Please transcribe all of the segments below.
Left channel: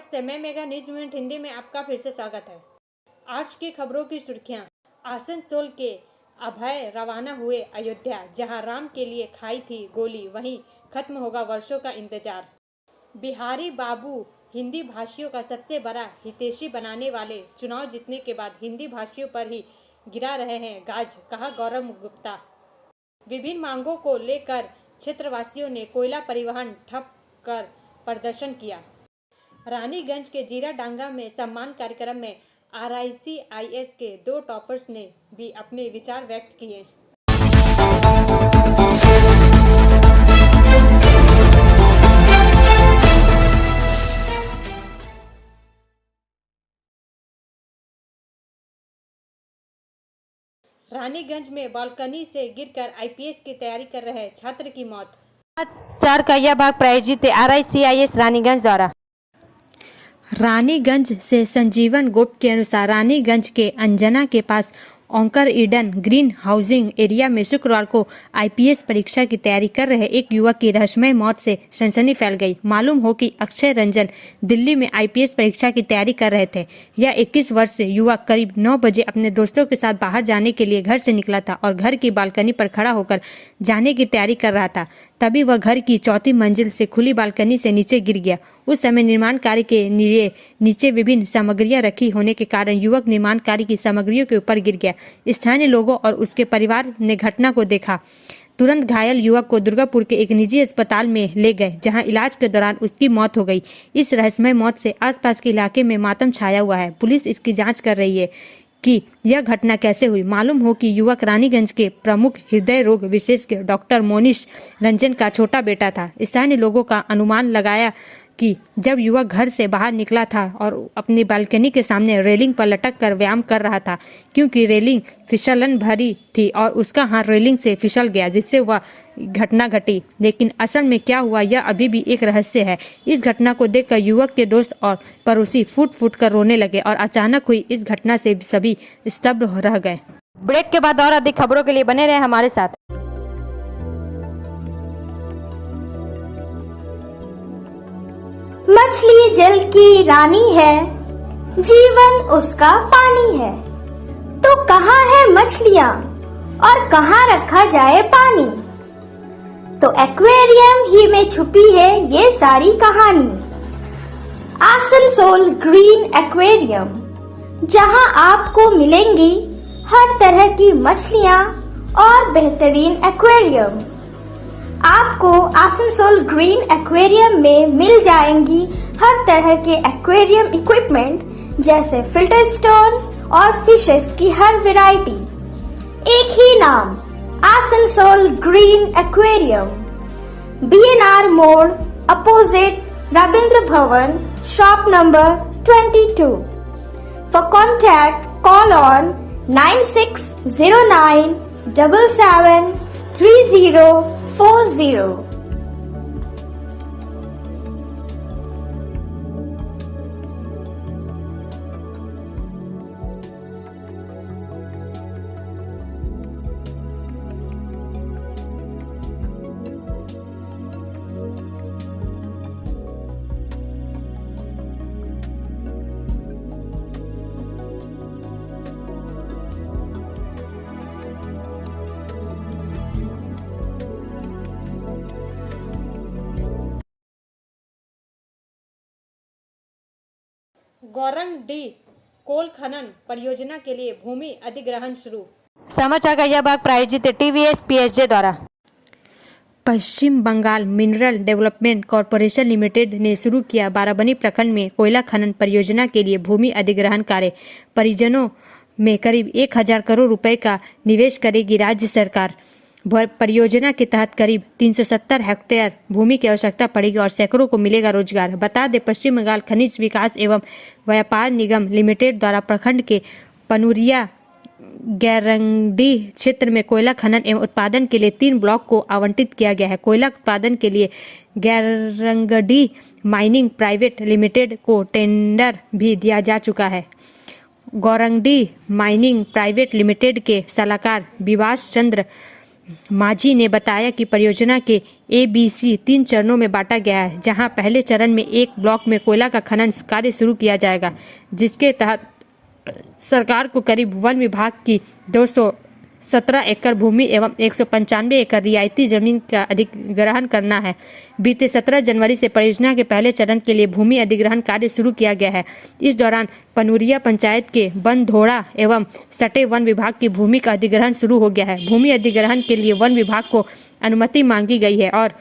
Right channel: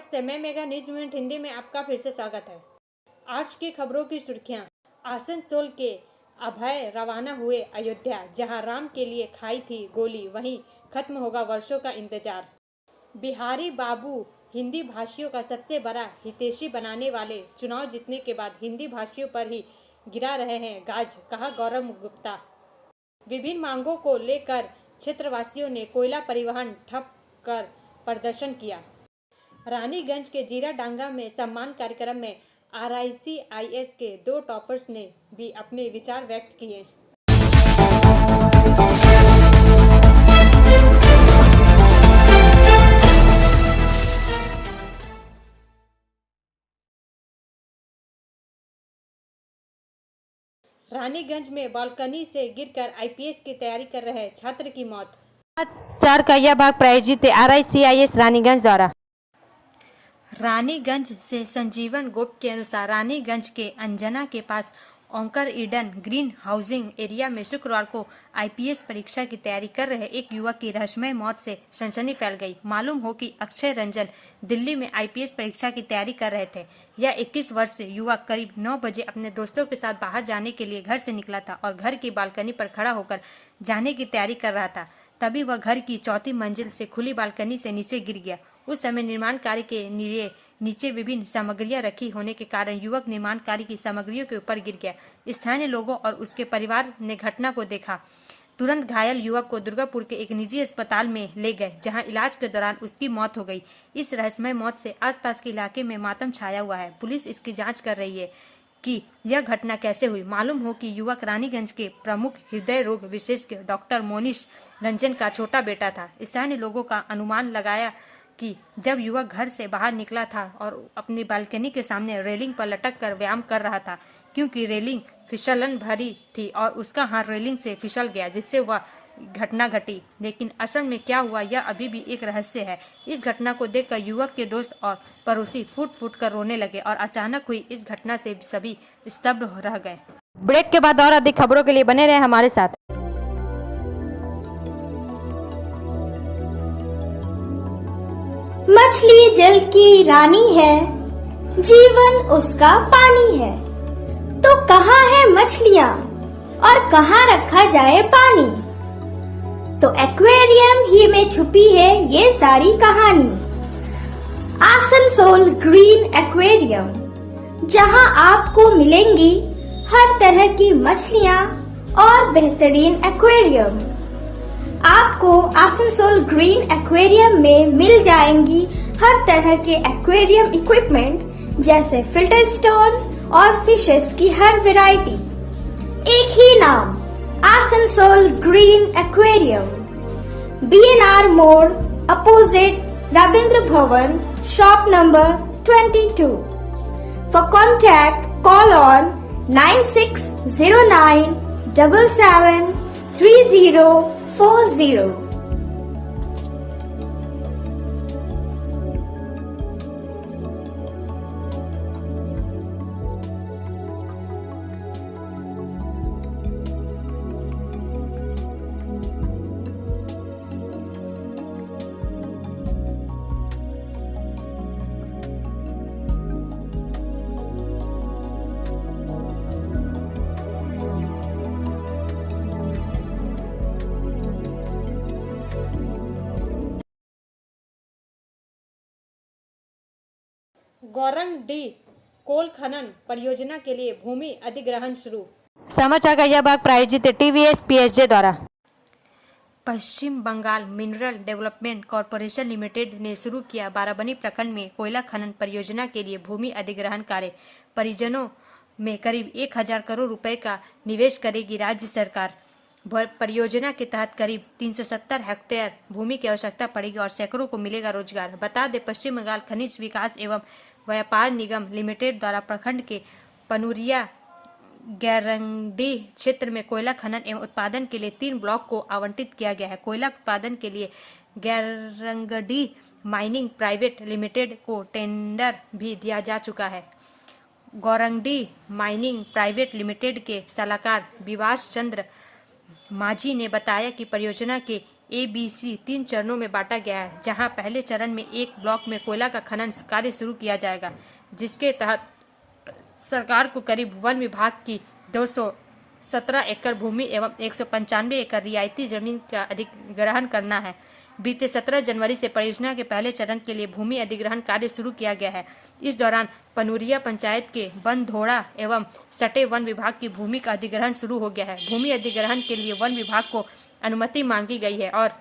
नमस्ते, मैं mega news minute Hindi में आपका फिर से स्वागत है। आज की खबरों की सुर्खियां। आसनसोल के अभय रवाना हुए अयोध्या, जहां राम के लिए खाई थी गोली, वहीं खत्म होगा वर्षों का इंतजार। बिहारी बाबू हिंदी भाषियों का सबसे बड़ा हितैषी बनाने वाले, चुनाव जीतने के बाद हिंदी भाषियों पर ही गिरा रहे हैं गाज, कहा गौरव गुप्ता। विभिन्न मांगों को लेकर क्षेत्रवासियों ने कोयला परिवहन ठप कर प्रदर्शन किया। रानीगंज के जीरा डांगा में सम्मान कार्यक्रम में RICIS के 2 टॉपर्स ने भी अपने विचार व्यक्त किए। रानीगंज में बालकनी से गिरकर IPS की तैयारी कर रहे छात्र की मौत। 4 का यह भाग प्रायोजित RICIS रानीगंज द्वारा। रानीगंज से संजीवन गोप के अनुसार रानीगंज के अंजना के पास ओंकर ईडन ग्रीन हाउसिंग एरिया में शुक्रवार को IPS परीक्षा की तैयारी कर रहे एक युवक की रहस्यमय मौत से सनसनी फैल गई। मालूम हो कि अक्षय रंजन दिल्ली में IPS परीक्षा की तैयारी कर रहे थे। यह 21 वर्ष से युवक करीब 9 बजे अपने दोस्तों के साथ बाहर जाने के लिए घर से निकला था और घर की बालकनी पर खड़ा होकर जाने की तैयारी कर रहा था। तभी वह घर की 4थी मंजिल से खुली बालकनी से नीचे गिर गया। उस समय निर्माण कार्य के लिए नीचे विभिन्न सामग्रियां रखी होने के कारण युवक निर्माण कार्य की सामग्रियों के ऊपर गिर गया। स्थानीय लोगों और उसके परिवार ने घटना को देखा। तुरंत घायल युवक को दुर्गापुर के एक निजी अस्पताल में ले गए, जहां इलाज के दौरान उसकी मौत हो गई। इस रहस्यमय मौत से आसपास के इलाके में मातम छाया हुआ है। पुलिस इसकी जांच कर रही है कि यह घटना कैसे हुई। मालूम हो कि युवक रानीगंज के प्रमुख हृदय रोग विशेषज्ञ डॉक्टर मोनिश रंजन का छोटा बेटा था। स्थानीय लोगों का अनुमान लगाया कि जब युवक घर से बाहर निकला था और अपनी बालकनी के सामने रेलिंग पर लटक कर व्यायाम कर रहा था, क्योंकि रेलिंग फिसलन भरी थी और उसका हाथ रेलिंग से फिसल गया, जिससे वह घटना घटी। लेकिन असल में क्या हुआ यह अभी भी एक रहस्य है। इस घटना को देखकर युवक के दोस्त और पड़ोसी फूट फूट कर रोने लगे और अचानक हुई इस घटना से सभी स्तब्ध रह गए। ब्रेक के बाद और अधिक खबरों के लिए बने रहे हमारे साथ। मछली जल की रानी है, जीवन उसका पानी है। तो कहाँ है मछलियाँ और कहाँ रखा जाए पानी? तो एक्वेरियम ही में छुपी है ये सारी कहानी। आसनसोल ग्रीन एक्वेरियम, जहाँ आपको मिलेंगी हर तरह की मछलियाँ और बेहतरीन एक्वेरियम। आपको आसनसोल ग्रीन एक्वेरियम में मिल जाएंगी हर तरह के एक्वेरियम इक्विपमेंट, जैसे फिल्टर स्टोन और फिशेस की हर वैरायटी। एक ही नाम, आसनसोल ग्रीन एक्वेरियम। BNR मोड़, opposite Ravindra Bhavan, shop number 22। For contact call on 9609 77 3040। गौरंगडीह कोल खनन परियोजना के लिए भूमि अधिग्रहण शुरू। समाचार का यह भाग प्रायोजित TVS PSJ द्वारा। Paschim Bangal mineral development corporation limited ने शुरू किया बाराबनी प्रखंड में कोयला खनन परियोजना के लिए भूमि अधिग्रहण कार्य। परियोजनाओं में करीब 1000 करोड़ रुपए का निवेश करेगी राज्य सरकार। परियोजना के तहत करीब 370 हेक्टेयर भूमि की आवश्यकता पड़ेगी और सैकड़ों को मिलेगा रोजगार। बता दें, पश्चिम बंगाल खनिज विकास एवं व्यापार निगम लिमिटेड द्वारा प्रखंड के पनुरिया गैरंगडीह क्षेत्र में कोयला खनन एवं उत्पादन के लिए 3 ब्लॉक को आवंटित किया गया है। कोयला उत्पादन के लिए गैरंगडीह माइनिंग प्राइवेट लिमिटेड को टेंडर भी दिया जा चुका है। गौरंगडीह माइनिंग प्राइवेट लिमिटेड के सलाहकार विवास चंद्र माझी ने बताया कि परियोजना के ABC 3 चरणों में बांटा गया है, जहां पहले चरण में एक ब्लॉक में कोयला का खनन कार्य शुरू किया जाएगा, जिसके तहत सरकार को करीब वन विभाग की 217 एकड़ भूमि एवं 195 एकड़ रियायती जमीन का अधिग्रहण करना है। बीते 17 जनवरी से परियोजना के पहले चरण के लिए भूमि अधिग्रहण कार्य शुरू किया गया है। इस दौरान पनुरिया पंचायत के बनधोड़ा एवं सटे वन विभाग की भूमि का अधिग्रहण शुरू हो गया है। भूमि अधिग्रहण के लिए वन विभाग को अनुमति मांगी गई है और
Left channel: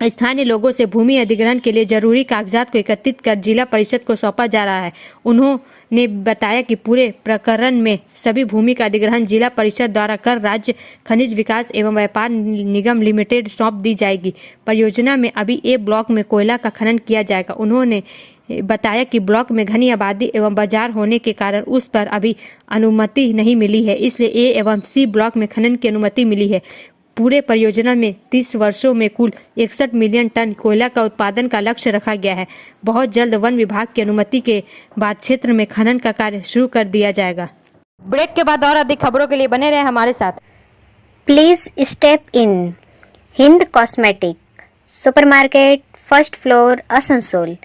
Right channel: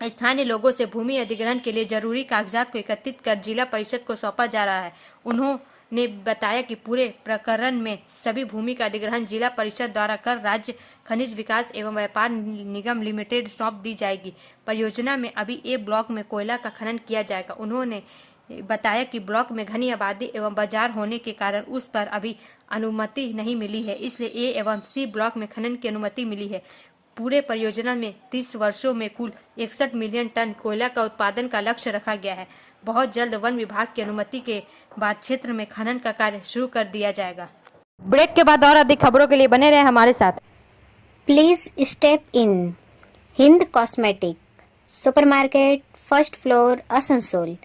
स्थानीय लोगों से भूमि अधिग्रहण के लिए जरूरी कागजात को एकत्रित कर जिला परिषद को सौंपा जा रहा है। उन्होंने बताया कि पूरे प्रकरण में सभी भूमि का अधिग्रहण जिला परिषद द्वारा कर राज्य खनिज विकास एवं व्यापार निगम लिमिटेड सौंप दी जाएगी। परियोजना में अभी ए ब्लॉक में कोयला का खनन किया जाएगा। उन्होंने बताया कि ब्लॉक में घनी आबादी एवं बाजार होने के कारण उस पर अभी अनुमति नहीं मिली है, इसलिए ए एवं सी ब्लॉक में खनन की अनुमति मिली है। पूरे परियोजना में 30 वर्षों में कुल 61 मिलियन टन कोयला का उत्पादन का लक्ष्य रखा गया है। बहुत जल्द वन विभाग की अनुमति के बाद क्षेत्र में खनन का कार्य शुरू कर दिया जाएगा। ब्रेक के बाद और अधिक खबरों के लिए बने रहे हमारे साथ। Please step in. Hind Cosmetic, Supermarket, First Floor, Asansol,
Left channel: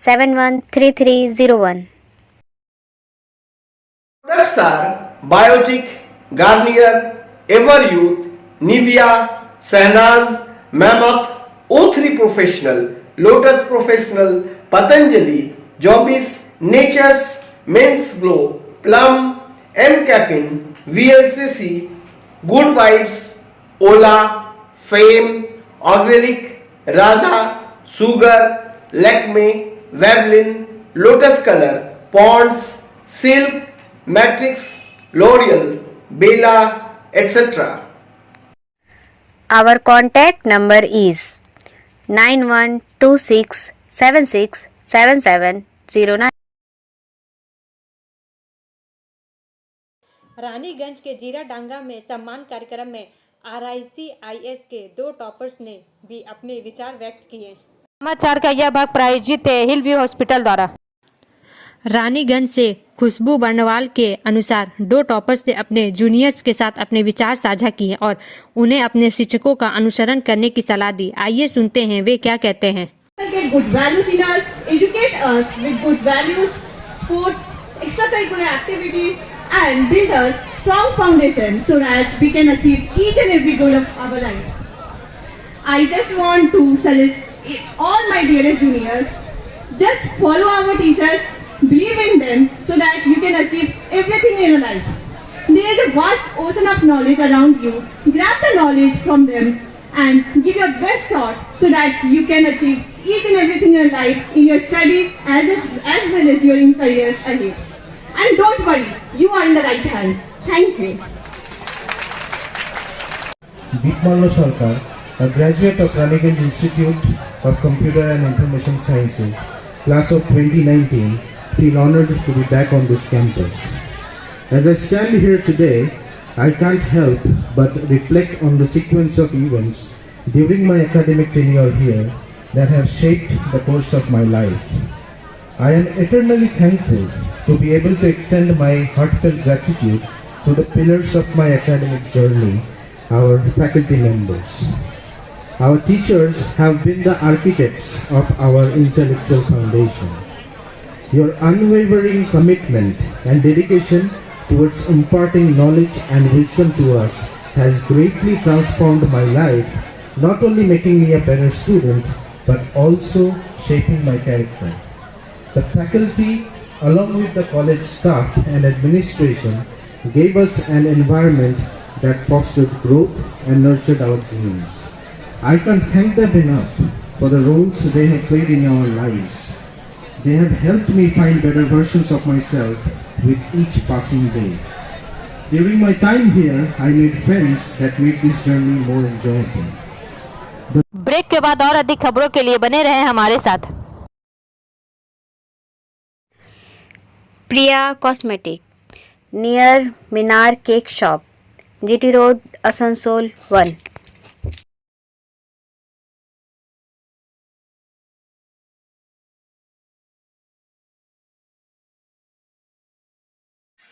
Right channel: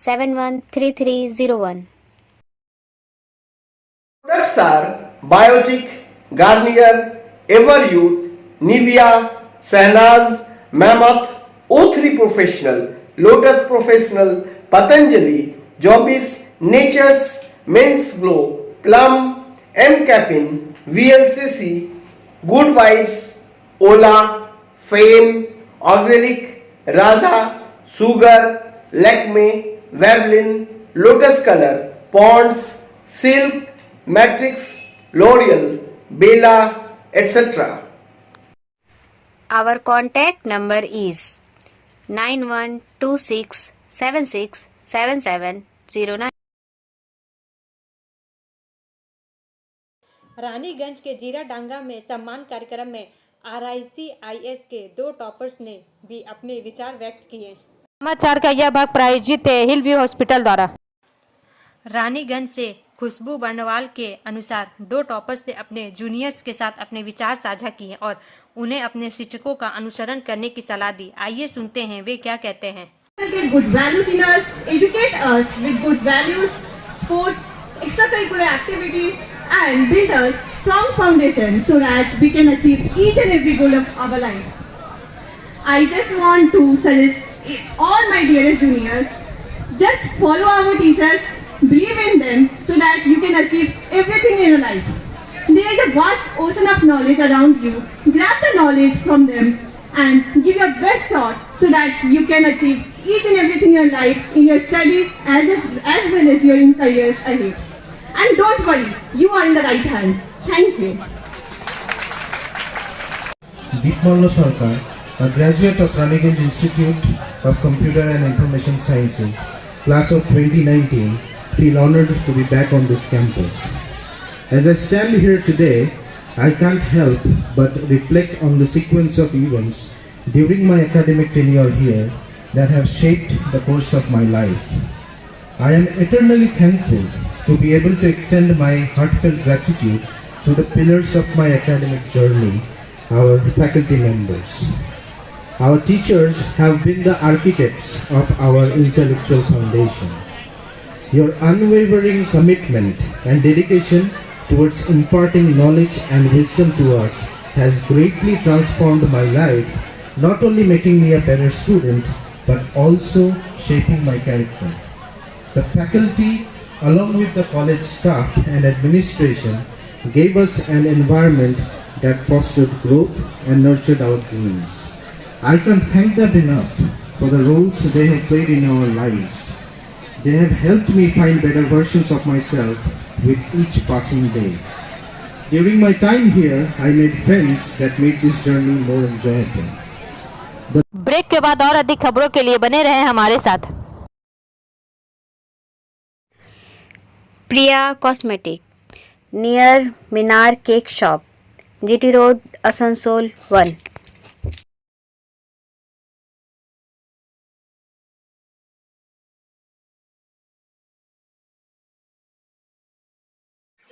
713301. Products are Biotic, Garnier, Everyouth, Nivea, Sahnaz, Mammoth, O3 Professional, Lotus Professional, Patanjali, Jobis, Nature's, Men's Glow, Plum, M Caffeine, VLCC, Good Vibes, Ola, Fame, Auxilic, Radha, Sugar, Lakme, Veblen, Lotus Color, Ponds, Silk, Matrix, L'Oreal, Bella, etc. Our contact number is 9126767709. Raniganj के जीरा डांगा में सम्मान कार्यक्रम में RICIS के 2 toppers ने भी अपने विचार व्यक्त किए। समाचार का यह भाग प्रायोजित है हिल व्यू हॉस्पिटल द्वारा। रानीगंज से खुशबू बर्नवाल के अनुसार 2 टॉपर्स ने अपने जूनियर्स के साथ अपने विचार साझा किए और उन्हें अपने शिक्षकों का अनुसरण करने की सलाह दी। आइए सुनते हैं वे क्या कहते हैं। Get good values in us, educate us with good values, sports, extracurricular activities, and build us strong foundation so that we can achieve each and every goal of our life. I just want to suggest all my dearest juniors, just follow our teachers, believe in them so that you can achieve everything in your life. There is a vast ocean of knowledge around you. Grab the knowledge from them and give your best shot so that you can achieve each and everything in your life, in your studies as well as your careers ahead. And don't worry, you are in the right hands. Thank you. Deepmalla Sarkar, a graduate of Raniganj Institute of Computer and Information Sciences, class of 2019, feel honored to be back on this campus. As I stand here today, I can't help but reflect on the sequence of events during my academic tenure here that have shaped the course of my life. I am eternally thankful to be able to extend my heartfelt gratitude to the pillars of my academic journey, our faculty members. Our teachers have been the architects of our intellectual foundation. Your unwavering commitment and dedication towards imparting knowledge and wisdom to us has greatly transformed my life, not only making me a better student, but also shaping my character. The faculty, along with the college staff and administration, gave us an environment that fostered growth and nurtured our dreams. I can't thank them enough for the roles they have played in our lives. They have helped me find better versions of myself with each passing day. During my time here, I made friends that made this journey more enjoyable. Break के बाद और अधिक खबरों के लिए बने रहें हमारे साथ। Priya Cosmetic, near Minar Cake Shop, GT Road, Asansol 1.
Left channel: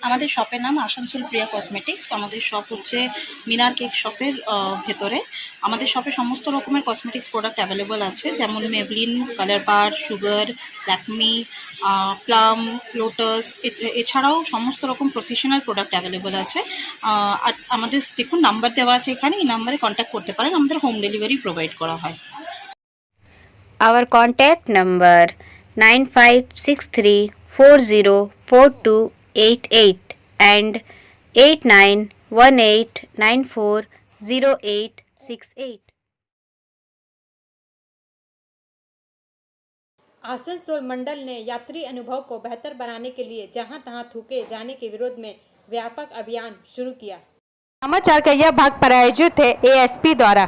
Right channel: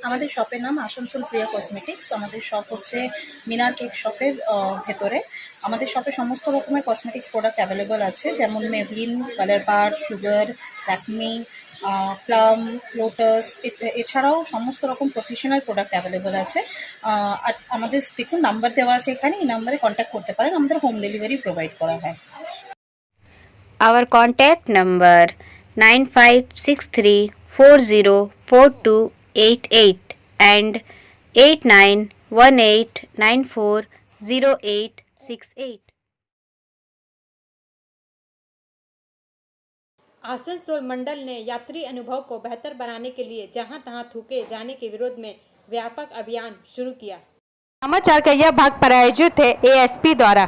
আমাদের শপের নাম আসানসোল প্রিয়া কসমেটিক্স। আমাদের শপ হচ্ছে মিনার কেক শপের ভেতরে। আমাদের শপে সমস্ত রকমের কসমেটিক্স প্রোডাক্ট অ্যাভেলেবল আছে, যেমন মেবলিন, কালার বার, সুগার, ল্যাকমি, প্লাম, লোটাস, এছাড়াও সমস্ত রকম প্রফেশনাল প্রোডাক্ট অ্যাভেলেবল আছে। আর আমাদের দেখুন নাম্বার দেওয়া আছে এখানে, এই নাম্বারে কন্ট্যাক্ট করতে পারেন। আমাদের হোম ডেলিভারি প্রোভাইড করা হয়। Our contact number 9563404288 and 8918940868. Asansol मंडल ने यात्री अनुभव को बेहतर बनाने के लिए जहां तहां थूके जाने के विरोध में व्यापक अभियान शुरू किया। समाचार का यह भाग प्रायोजित है एएसपी द्वारा।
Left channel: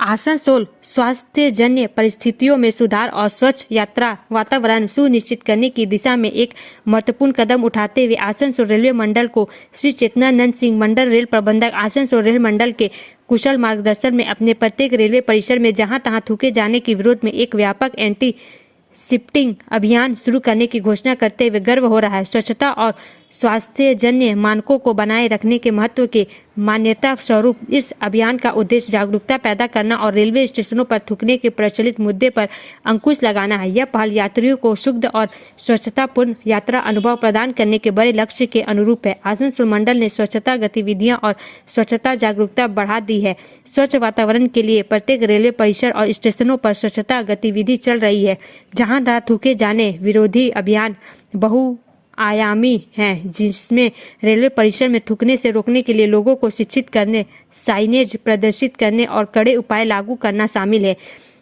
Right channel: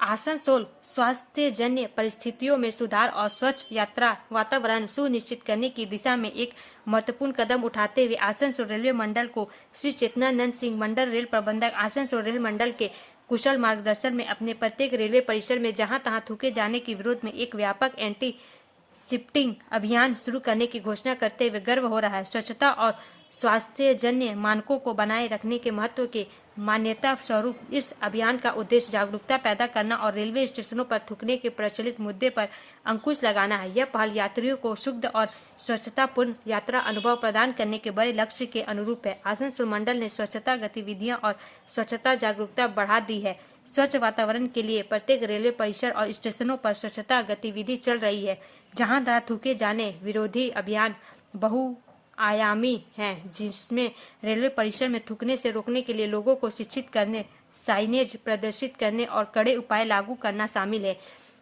आसनसोल स्वास्थ्य जन्य परिस्थितियों में सुधार और स्वच्छ यात्रा वातावरण सुनिश्चित करने की दिशा में एक महत्वपूर्ण कदम उठाते हुए आसनसोल रेलवे मंडल को श्री चेतनानंद सिंह मंडल रेल प्रबंधक आसनसोल रेल मंडल के कुशल मार्गदर्शन में अपने प्रत्येक रेलवे परिसर में जहां तहां थूके जाने के विरोध में एक व्यापक एंटी शिफ्टिंग अभियान शुरू करने की घोषणा करते हुए गर्व हो रहा है। स्वच्छता और स्वास्थ्य जन्य मानकों को बनाए रखने के महत्व के मान्यता स्वरूप इस अभियान का उद्देश्य जागरूकता पैदा करना और रेलवे स्टेशनों पर थूकने के प्रचलित मुद्दे पर अंकुश लगाना है। यह पहल यात्रियों को शुद्ध और स्वच्छतापूर्ण यात्रा अनुभव प्रदान करने के बड़े लक्ष्य के अनुरूप है। आसनसोल मंडल ने स्वच्छता गतिविधियां और स्वच्छता जागरूकता बढ़ा दी है। स्वच्छ वातावरण के लिए प्रत्येक रेलवे परिसर और स्टेशनों पर स्वच्छता गतिविधि चल रही है, जहां तहां थूके जाने विरोधी अभियान बहुआयामी है, जिसमें रेलवे परिसर में थूकने से रोकने के लिए लोगों को शिक्षित करने, साइनेज प्रदर्शित करने और कड़े उपाय लागू करना शामिल है।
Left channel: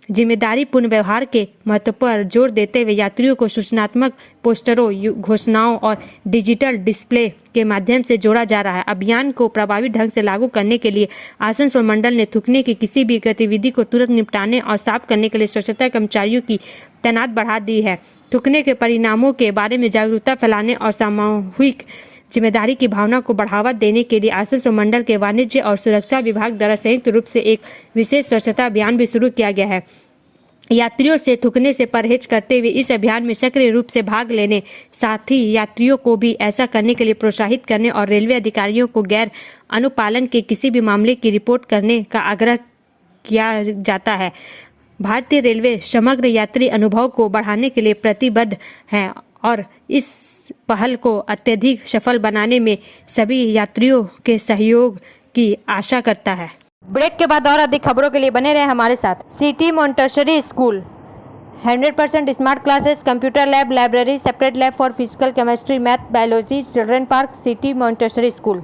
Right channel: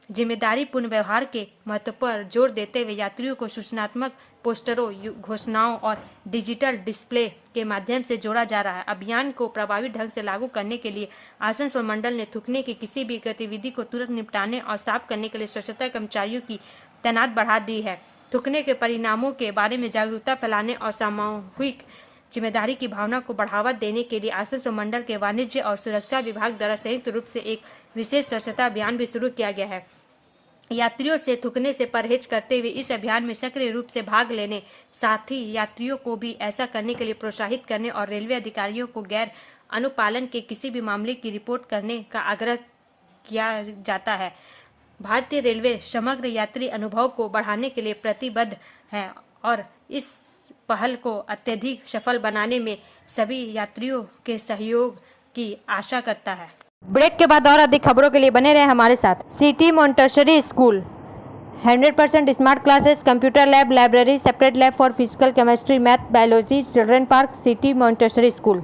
जिम्मेदारीपूर्ण व्यवहार के महत्व पर जोर देते हुए यात्रियों को सूचनात्मक पोस्टरों, घोषणाओं और डिजिटल डिस्प्ले के माध्यम से जोड़ा जा रहा है। अभियान को प्रभावी ढंग से लागू करने के लिए आसनसोल मंडल ने थूकने की किसी भी गतिविधि को तुरंत निपटाने और साफ करने के लिए स्वच्छता कर्मचारियों की तैनात बढ़ा दी है। थूकने के परिणामों के बारे में जागरूकता फैलाने और सामूहिक जिम्मेदारी की भावना को बढ़ावा देने के लिए आसनसोल मंडल के वाणिज्य और सुरक्षा विभाग द्वारा संयुक्त रूप से एक विशेष स्वच्छता अभियान भी शुरू किया गया है। यात्रियों से थूकने से परहेज करते हुए इस अभियान में सक्रिय रूप से भाग लेने, साथ ही यात्रियों को भी ऐसा करने के लिए प्रोत्साहित करने और रेलवे अधिकारियों को गैर अनुपालन के किसी भी मामले की रिपोर्ट करने का आग्रह किया जाता है। भारतीय रेलवे समग्र यात्री अनुभव को बढ़ाने के लिए प्रतिबद्ध है और इस पहल को अत्यधिक सफल बनाने में सभी यात्रियों के सहयोग की आशा करता है। ब्रेक के बाद और अधिक खबरों के लिए बने रहे हमारे साथ। City Montessori school 100% smart classes, computer lab, library, separate lab for physical, chemistry, math, biology, children park, city Montessori school.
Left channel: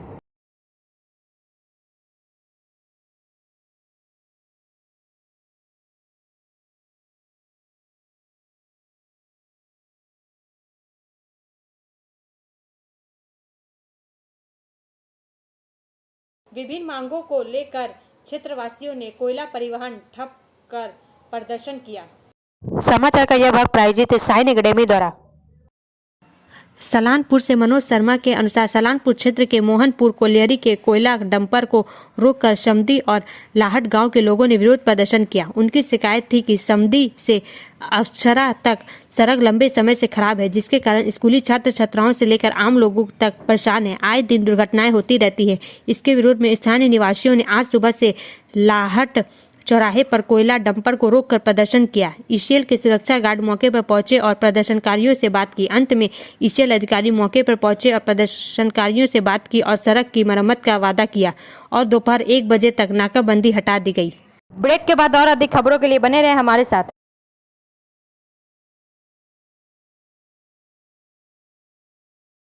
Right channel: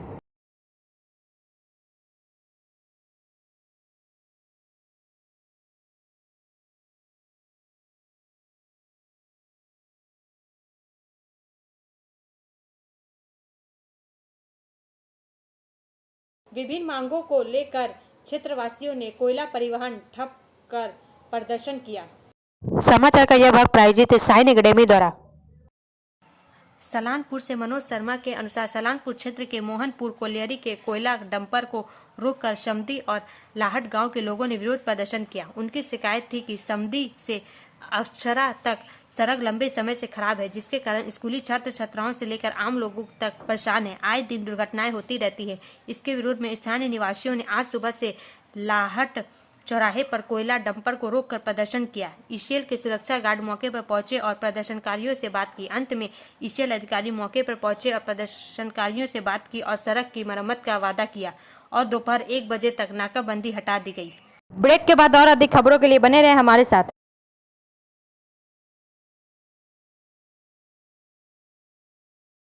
विभिन्न मांगों को लेकर क्षेत्रवासियों ने कोयला परिवहन ठप कर प्रदर्शन किया। समाचार का यह भाग प्रायोजित है साइन एकेडमी द्वारा। सलानपुर से मनोज शर्मा के अनुसार सलानपुर क्षेत्र के मोहनपुर कोलियरी के कोयला डंपर को रोककर समदी और लाहट गांव के लोगों ने विरोध प्रदर्शन किया। उनकी शिकायत थी कि समदी से अक्षरा तक सड़क लंबे समय से खराब है, जिसके कारण स्कूली छात्र छात्राओं से लेकर आम लोगों तक परेशान है। आए दिन दुर्घटनाएं होती रहती है। इसके विरोध में स्थानीय निवासियों ने आज सुबह से लाहट चौराहे पर कोयला डंपर को रोककर प्रदर्शन किया। ईसीएल के सुरक्षा गार्ड मौके पर पहुंचे और प्रदर्शनकारियों से बात की। अंत में ईसीएल अधिकारी मौके पर पहुंचे और प्रदर्शनकारियों से बात की और सड़क की मरम्मत का वादा किया और दोपहर 1 बजे तक नाकाबंदी हटा दी गई। ब्रेक के बाद और अधिक खबरों के लिए बने रहे हमारे साथ।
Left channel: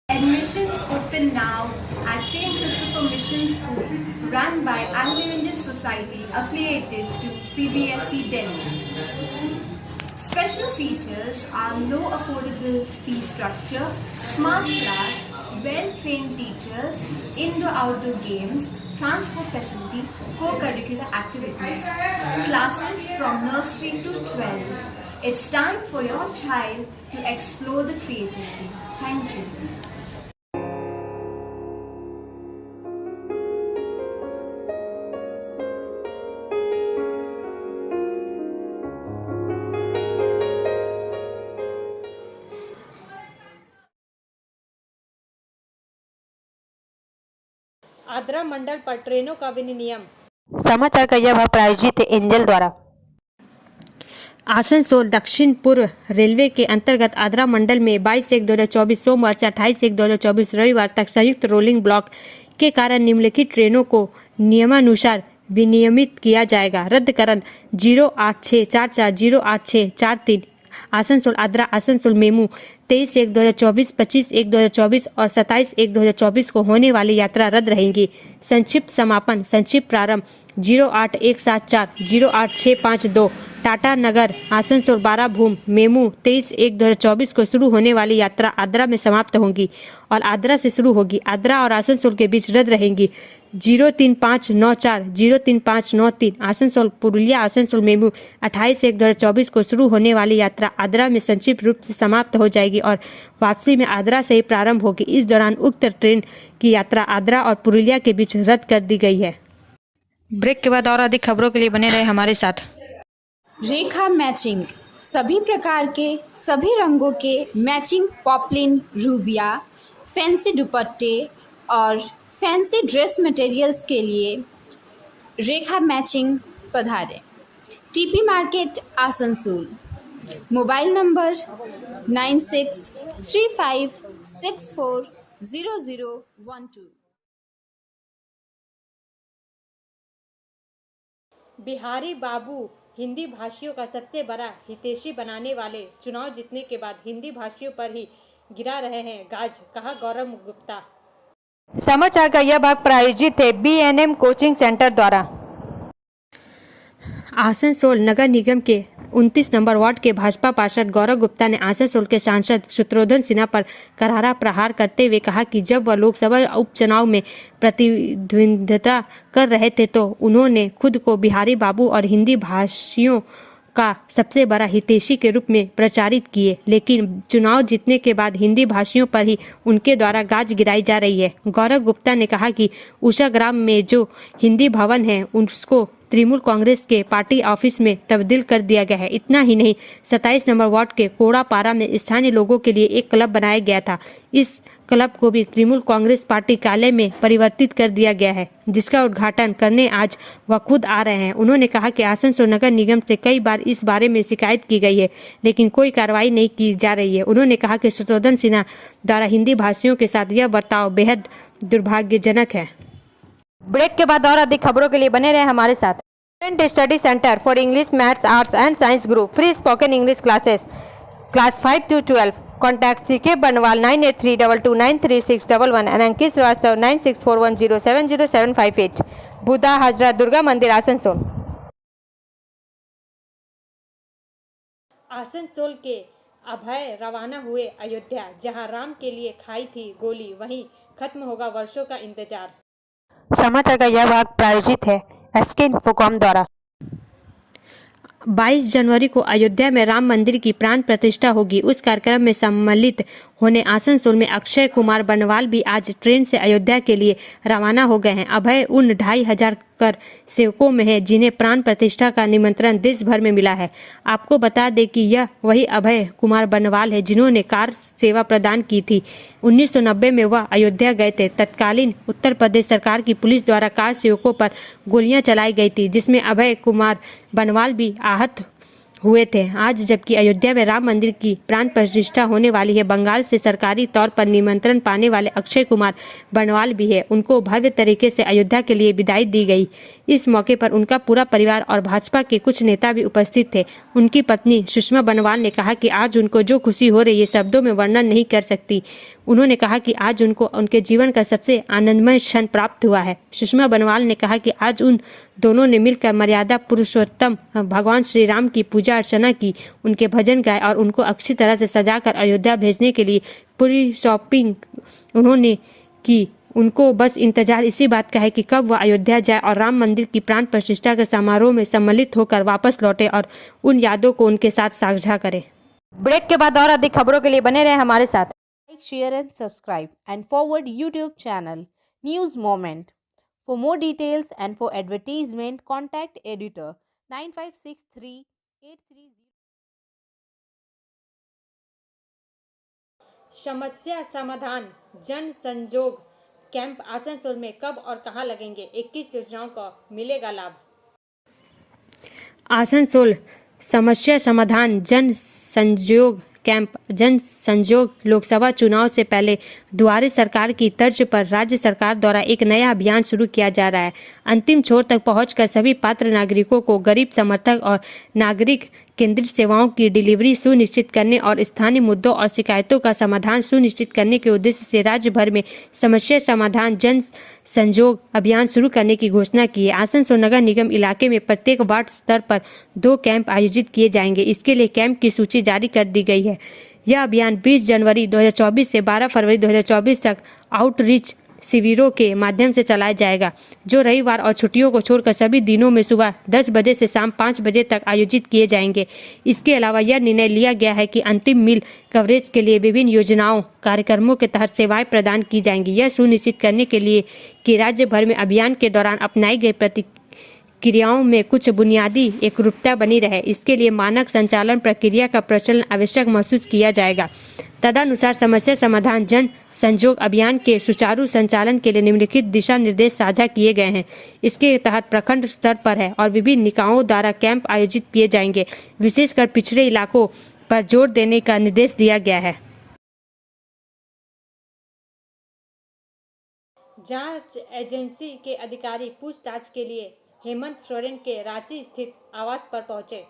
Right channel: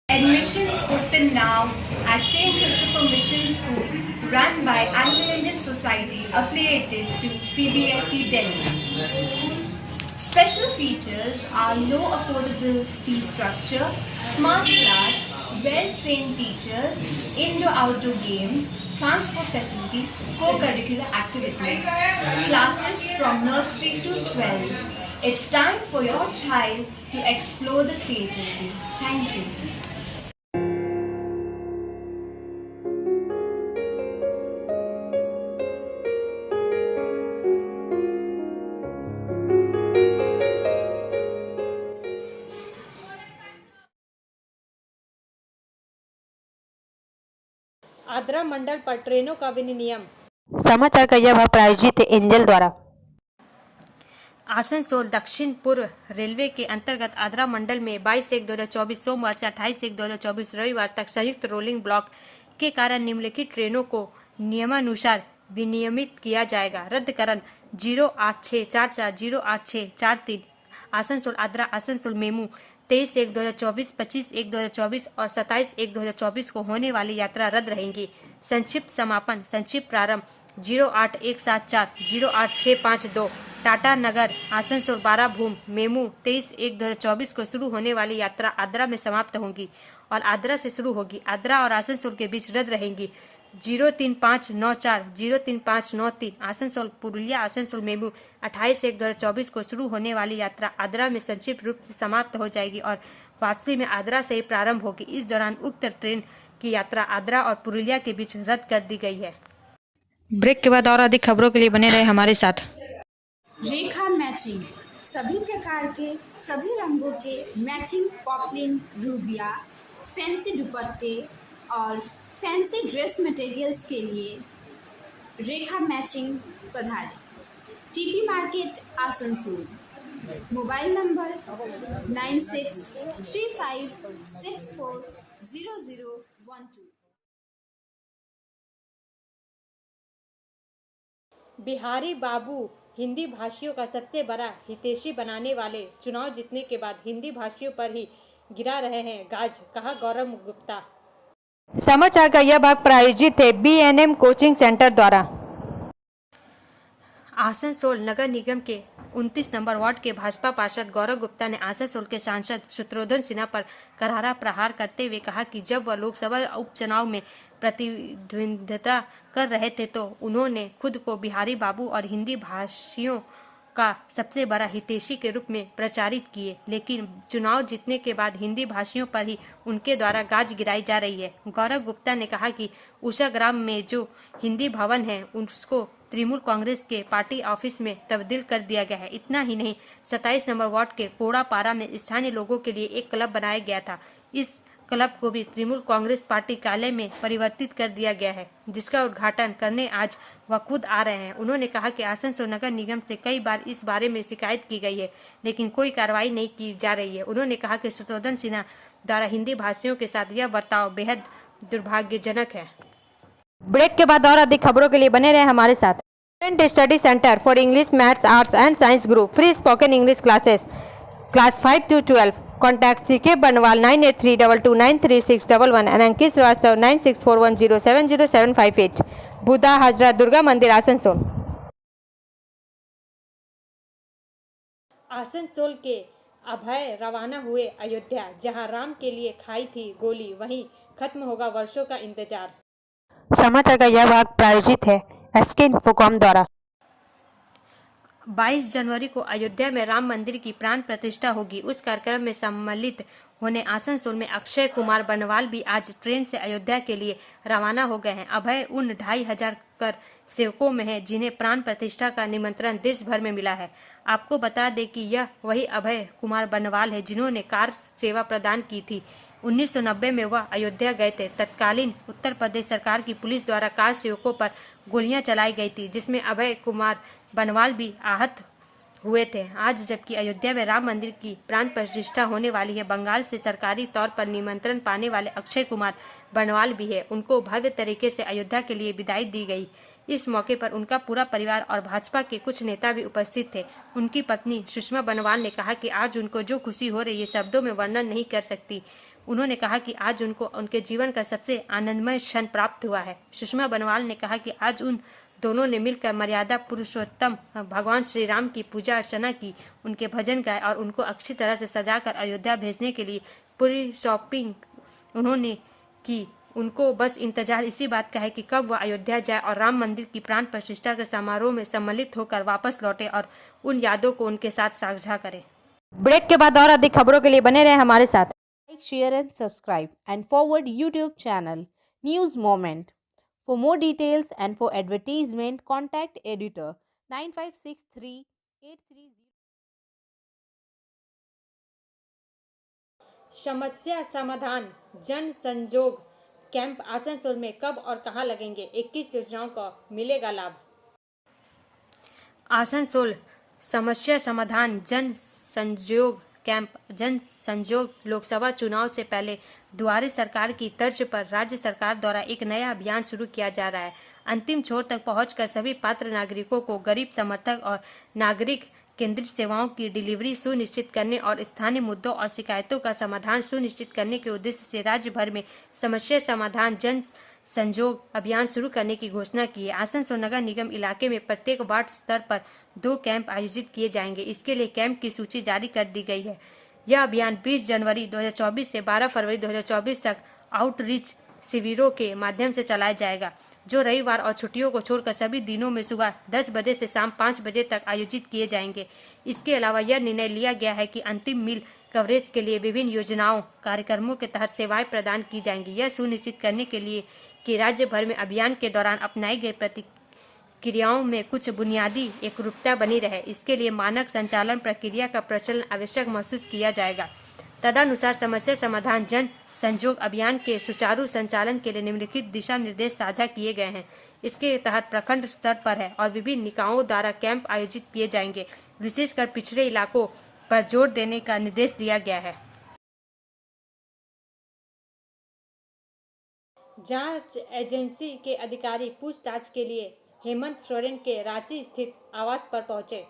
Admissions open now at St. Christopher Mission School, run by Anglo-Indian Society affiliated to CBSE Delhi. Special features are low affordable fee structure, smart class, well-trained teachers, indoor-outdoor games, transport facility, co-curricular activities, classes from nursery to 12. It's time for your child to explore the creativity. Thank you. Adra मंडल पर ट्रेनों का विनियम। समाचार का यह भाग प्रायोजित है एंजल द्वारा। आसनसोल दक्षिण पूर्व रेलवे के अंतर्गत आद्रा मंडल में 22/1/2024 सोमवार से 28/1/2024 रविवार तक संयुक्त रोलिंग ब्लॉक के कारण निम्नलिखित ट्रेनों को नियमानुसार विनियमित किया जाएगा। रद्दकरण 08644 08643 आसनसोल आद्रा आसनसोल मेमू 23/1/2024, 25/1/2024 और 27/1/2024 को होने वाली यात्रा रद्द रहेंगी। संक्षिप्त समापन संक्षिप्त प्रारंभ 08174 08652 टाटा नगर आसनसोल 12 भूम मेमू 23/1/2024 को शुरू होने वाली यात्रा आद्रा में समाप्त होगी और आद्रा से शुरू होगी। आद्रा और आसनसोल के बीच रद्द रहेंगी 03594 03593 आसनसोल पुरुलिया आसनसोल मेमू 28/1/2024 को शुरू होने वाली यात्रा आद्रा में संक्षिप्त रूप से समाप्त हो जाएगी और वापसी में आद्रा से ही प्रारंभ होगी। इस दौरान उक्त ट्रेन की यात्रा आद्रा और पुरुलिया के बीच रद्द कर दी गई है। ब्रेक के बाद और अधिक खबरों के लिए बने रहे हमारे साथ। रेखा मैचिंग सभी प्रकार के सभी रंगों के मैचिंग पॉपलिन रूबिया फैंसी दुपट्टे और फैंसी ड्रेस मटेरियल्स के लिए रेखा मैचिंग पधारें। TP market Asansol. Mobile number 9635640012। Bihari Babu Hindi भाषियों का सबसे बड़ा हितैषी बनाने वाले, चुनाव जीतने के बाद हिंदी भाषियों पर ही गिरा रहे हैं गाज, कहा गौरव गुप्ता। समाचार का यह भाग प्रायोजित है BNM कोचिंग सेंटर द्वारा। आसनसोल नगर निगम के 29 नंबर वार्ड के भाजपा पार्षद गौरव गुप्ता ने आसनसोल के सांसद शत्रुघ्न सिन्हा पर करारा प्रहार करते हुए कहा कि जब वह लोकसभा उपचुनाव में प्रतिद्वंद्विता कर रहे थे तो उन्होंने खुद को बिहारी बाबू और हिंदी भाषियों का सबसे बड़ा हितैषी के रूप में प्रचारित किए, लेकिन चुनाव जीतने के बाद हिंदी भाषियों पर ही उनके द्वारा गाज गिराई जा रही है। गौरव गुप्ता ने कहा कि उषा ग्राम में जो हिंदी भवन है उसको तृणमूल कांग्रेस के पार्टी ऑफिस में तब्दील कर दिया गया है। इतना ही नहीं, 27 नंबर वार्ड के कोड़ापारा में स्थानीय लोगों के लिए एक क्लब बनाया गया था। इस क्लब को भी तृणमूल कांग्रेस पार्टी कार्यालय में परिवर्तित कर दिया गया है, जिसका उद्घाटन करने आज वह खुद आ रहे हैं। उन्होंने कहा कि आसनसोल नगर निगम से कई बार इस बारे में शिकायत की गई है, लेकिन कोई कार्रवाई नहीं की जा रही है। उन्होंने कहा कि शत्रुघ्न सिन्हा द्वारा हिंदी भाषियों के साथ यह बर्ताव बेहद दुर्भाग्यजनक है। ब्रेक के बाद और अधिक खबरों के लिए बने रहे हमारे साथ। Student study centre for English maths arts and science group free spoken English classes class 5 to 12। Contact CK बनवाल 9832293611 एंड अंकित श्रीवास्तव 9641070758। बुधा हाजरा दुर्गा मंदिर आसनसोल। आसनसोल के अभय रवाना हुए अयोध्या, जहां राम के लिए खाई थी गोली, वहीं खत्म होगा वर्षों का इंतजार। समाचार का यह भाग प्रायोजित है SK इन्फोकॉम द्वारा। 22 जनवरी को अयोध्या में राम मंदिर की प्राण प्रतिष्ठा होगी। उस कार्यक्रम में सम्मिलित होने आसनसोल में अक्षय कुमार बनवाल भी आज ट्रेन से अयोध्या के लिए रवाना हो गए हैं। अभय उन 2500 कर सेवकों में है जिन्हें प्राण प्रतिष्ठा का निमंत्रण देश भर में मिला है। आपको बता दें कि यह वही अभय कुमार बनवाल है जिन्होंने कार सेवा प्रदान की थी। 1990 में वह अयोध्या गए थे। तत्कालीन उत्तर प्रदेश सरकार की पुलिस द्वारा कार सेवकों पर गोलियां चलाई गई थी, जिसमें अभय कुमार बनवाल भी आहत हुए थे। आज जबकि अयोध्या में राम मंदिर की प्राण प्रतिष्ठा होने वाली है, बंगाल से सरकारी तौर पर निमंत्रण पाने वाले अक्षय कुमार बनवाल भी है। उनको भव्य तरीके से अयोध्या के लिए विदाई दी गई। इस मौके पर उनका पूरा परिवार और भाजपा के कुछ नेता भी उपस्थित थे। उनकी पत्नी सुषमा बनवाल ने कहा कि आज उनको जो खुशी हो रही है शब्दों में वर्णन नहीं कर सकती। उन्होंने कहा कि आज उनको उनके जीवन का सबसे आनंदमय क्षण प्राप्त हुआ है। सुषमा बनवाल ने कहा कि आज उन दोनों ने मिलकर मर्यादा पुरुषोत्तम भगवान श्री राम की पूजा अर्चना की, उनके भजन गाए और उनको अच्छी तरह से सजाकर अयोध्या भेजने के लिए पूरी शॉपिंग उन्होंने की। उनको बस इंतजार इसी बात का है कि कब वह अयोध्या जाए और राम मंदिर की प्राण प्रतिष्ठा के समारोह में सम्मिलित होकर वापस लौटे और उन यादों को उनके साथ साझा करे। ब्रेक के बाद और अधिक खबरों के लिए बने रहे हमारे साथ। Like, share and subscribe and forward YouTube channel News Moment. For more details and for advertisement, contact editor 956383. समस्या समाधान जन संजोग कैंप आसनसोल में कब और कहां लगेंगे, 21 योजनाओं का मिलेगा लाभ। आसनसोल समस्या समाधान जन संयोग कैंप। जन संयोग लोकसभा चुनाव से पहले दुआरे सरकार की तर्ज पर राज्य सरकार द्वारा एक नया अभियान शुरू किया जा रहा है। अंतिम छोर तक पहुंचकर सभी पात्र नागरिकों को गरीब समर्थक और नागरिक केंद्रित सेवाओं की डिलीवरी सुनिश्चित करने और स्थानीय मुद्दों और शिकायतों का समाधान सुनिश्चित करने के उद्देश्य से राज्य भर में समस्या समाधान जन संयोग अभियान शुरू करने की घोषणा की है। आसनसोल नगर निगम इलाके में प्रत्येक वार्ड स्तर पर 2 कैंप आयोजित किए जाएंगे। इसके लिए कैंप की सूची जारी कर दी गई है। यह अभियान 20 जनवरी 2024 से 12 फरवरी 2024 तक आउटरीच शिविरों के माध्यम से चलाया जाएगा, जो रविवार और छुट्टियों को छोड़कर सभी दिनों में सुबह 10 बजे से शाम 5 बजे तक आयोजित किए जाएंगे। इसके अलावा यह निर्णय लिया गया है कि अंतिम मील कवरेज के लिए विभिन्न योजनाओं कार्यक्रमों के तहत सेवाएं प्रदान की जाएंगी। यह सुनिश्चित करने के लिए कि राज्य भर में अभियान के दौरान अपनाई गई प्रतिक्रियाओं में कुछ बुनियादी एकरूपता बनी रहे, इसके लिए मानक संचालन प्रक्रिया का प्रचलन आवश्यक महसूस किया जाएगा। तदनुसार समस्या समाधान जन संयोग अभियान के सुचारू संचालन के लिए निम्नलिखित दिशा निर्देश साझा किए गए हैं। इसके तहत प्रखंड स्तर पर है और विभिन्न निकायों द्वारा कैंप आयोजित किए जाएंगे। विशेषकर पिछड़े इलाकों पर जोर देने का निर्देश दिया गया है। जांच एजेंसी के अधिकारी पूछताछ के लिए हेमंत सोरेन के रांची स्थित आवास पर पहुंचे।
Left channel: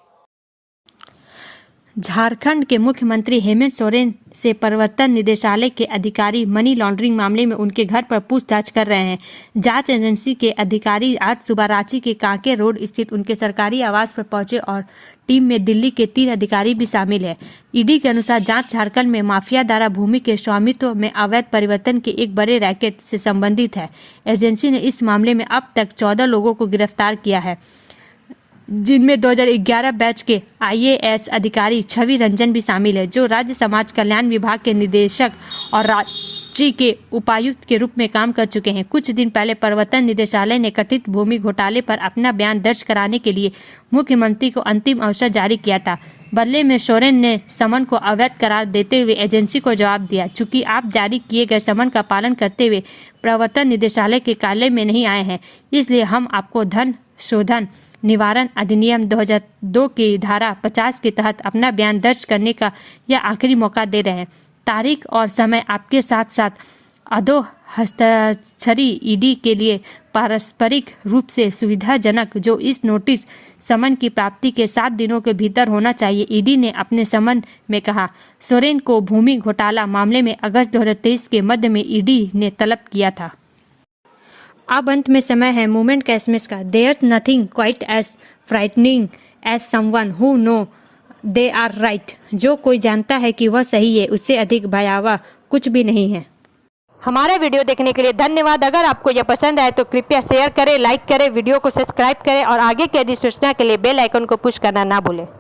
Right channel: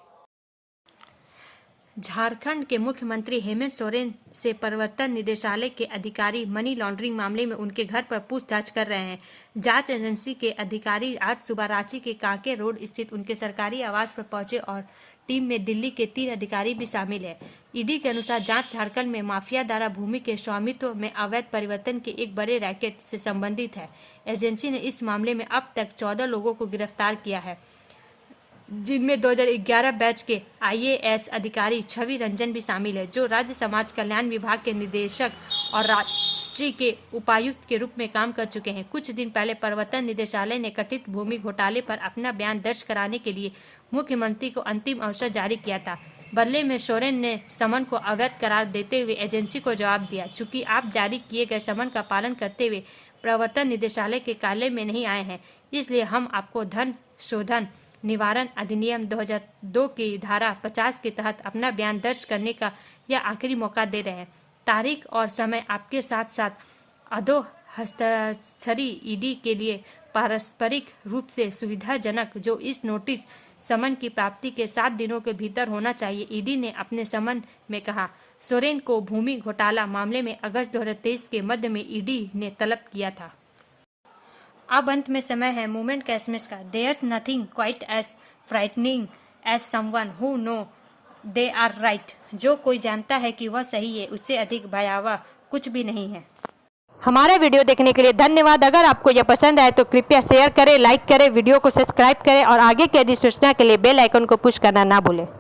झारखंड के मुख्यमंत्री हेमंत सोरेन से प्रवर्तन निदेशालय के अधिकारी मनी लॉन्ड्रिंग मामले में उनके घर पर पूछताछ कर रहे हैं। जांच एजेंसी के अधिकारी आज सुबह रांची के कांके रोड स्थित उनके सरकारी आवास पर पहुंचे और टीम में दिल्ली के 3 अधिकारी भी शामिल है। ईडी के अनुसार जांच झारखंड में माफिया द्वारा भूमि के स्वामित्व में अवैध परिवर्तन के एक बड़े रैकेट से संबंधित है। एजेंसी ने इस मामले में अब तक 14 लोगों को गिरफ्तार किया है, जिनमें 2011 बैच के IAS अधिकारी छवि रंजन भी शामिल है, जो राज्य समाज कल्याण विभाग के निदेशक और रांची के उपायुक्त के रूप में काम कर चुके हैं। कुछ दिन पहले प्रवर्तन निदेशालय ने कथित भूमि घोटाले पर अपना बयान दर्ज कराने के लिए मुख्यमंत्री को अंतिम अवसर जारी किया था। बदले में सोरेन ने समन को अवैध करार देते हुए एजेंसी को जवाब दिया, चूंकि आप जारी किए गए समन का पालन करते हुए प्रवर्तन निदेशालय के कार्यालय में नहीं आए हैं, इसलिए हम आपको धन शोधन निवारण अधिनियम 2002 की धारा 50 के तहत अपना बयान दर्ज करने का यह आखिरी मौका दे रहे हैं। तारीख और समय आपके साथ साथ अधो हस्ताक्षरी ईडी के लिए पारस्परिक रूप से सुविधाजनक, जो इस नोटिस समन की प्राप्ति के 7 दिनों के भीतर होना चाहिए, ईडी ने अपने समन में कहा। सोरेन को भूमि घोटाला मामले में अगस्त 2023 के मध्य में ईडी ने तलब किया था। अब अंत में समय है मूवमेंट का एसएमएस का। There's nothing quite as frightening as someone who know they are right. जो कोई जानता है कि वह सही है, उससे अधिक भयावह कुछ भी नहीं है। हमारा वीडियो देखने के लिए धन्यवाद। अगर आपको यह पसंद आए तो कृपया शेयर करें, लाइक करें, वीडियो को सब्सक्राइब करें और आगे की अधिसूचना के लिए बेल आइकन को पुश करना ना भूलें।